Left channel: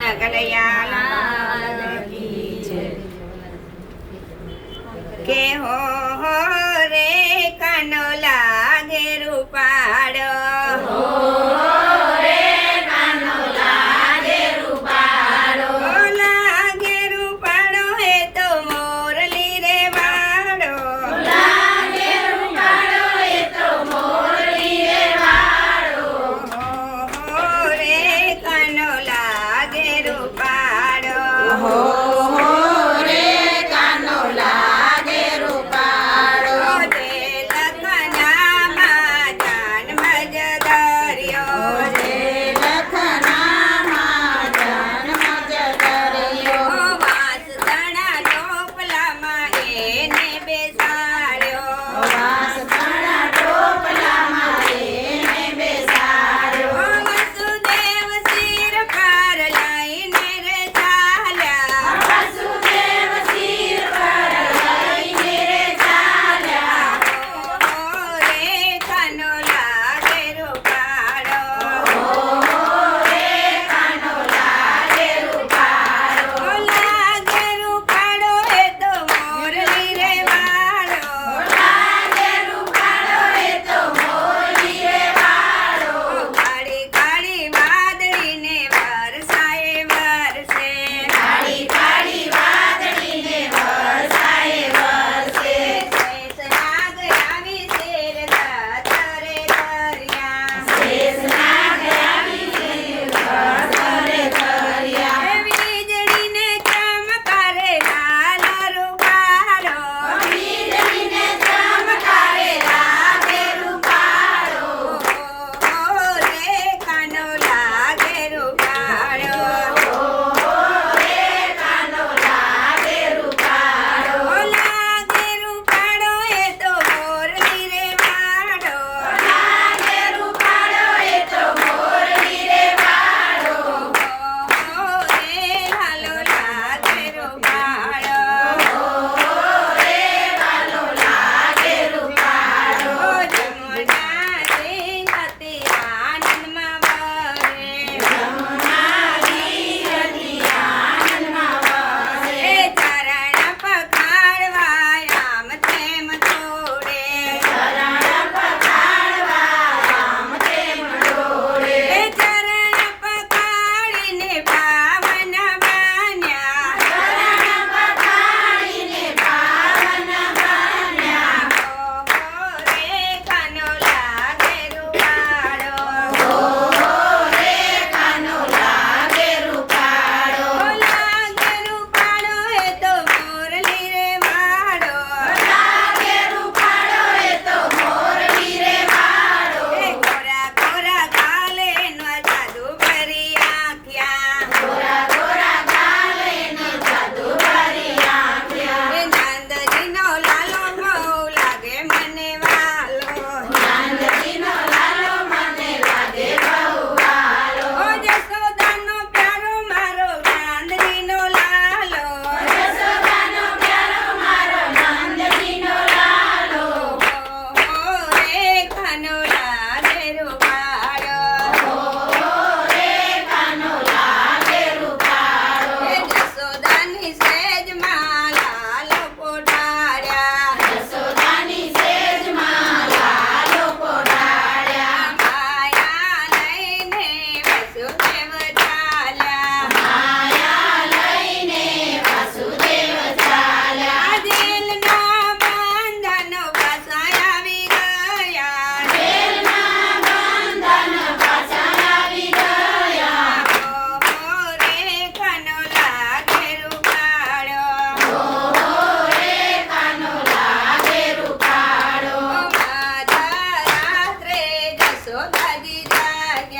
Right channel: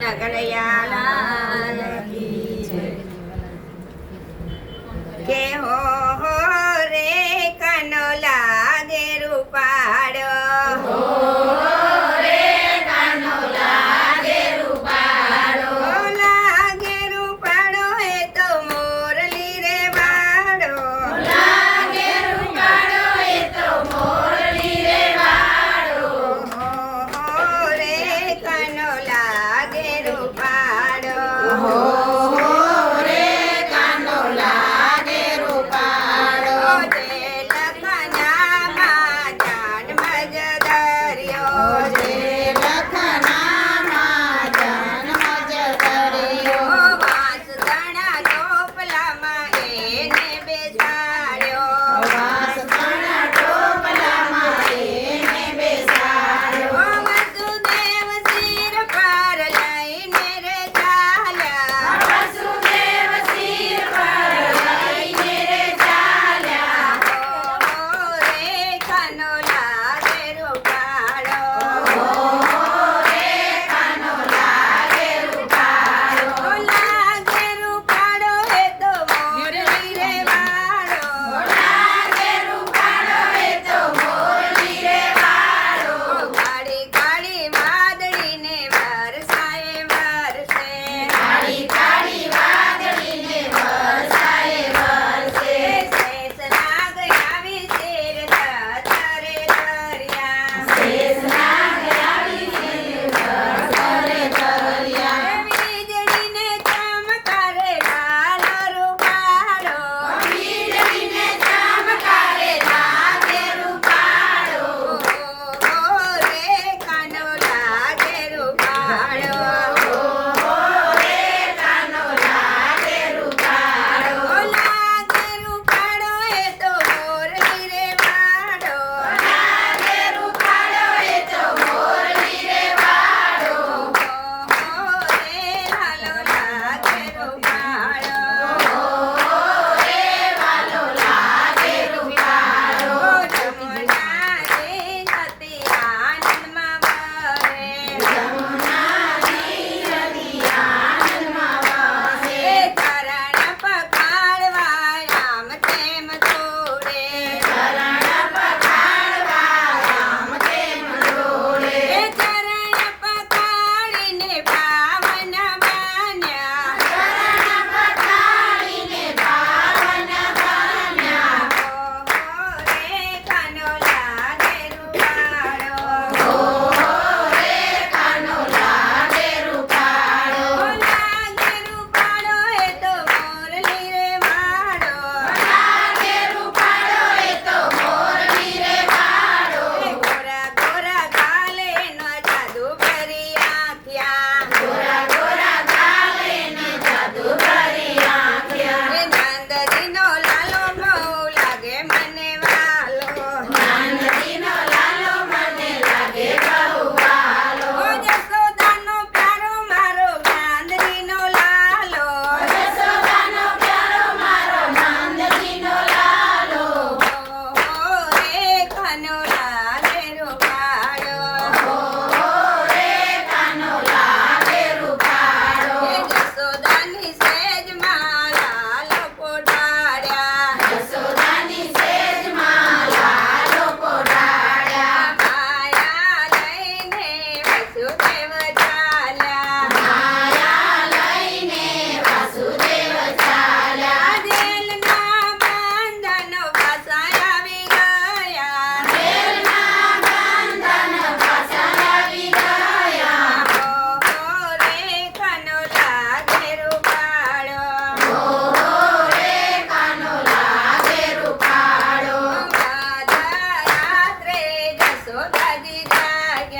Là 来呀 ಯೋಧವಿರಾಗ್ಯ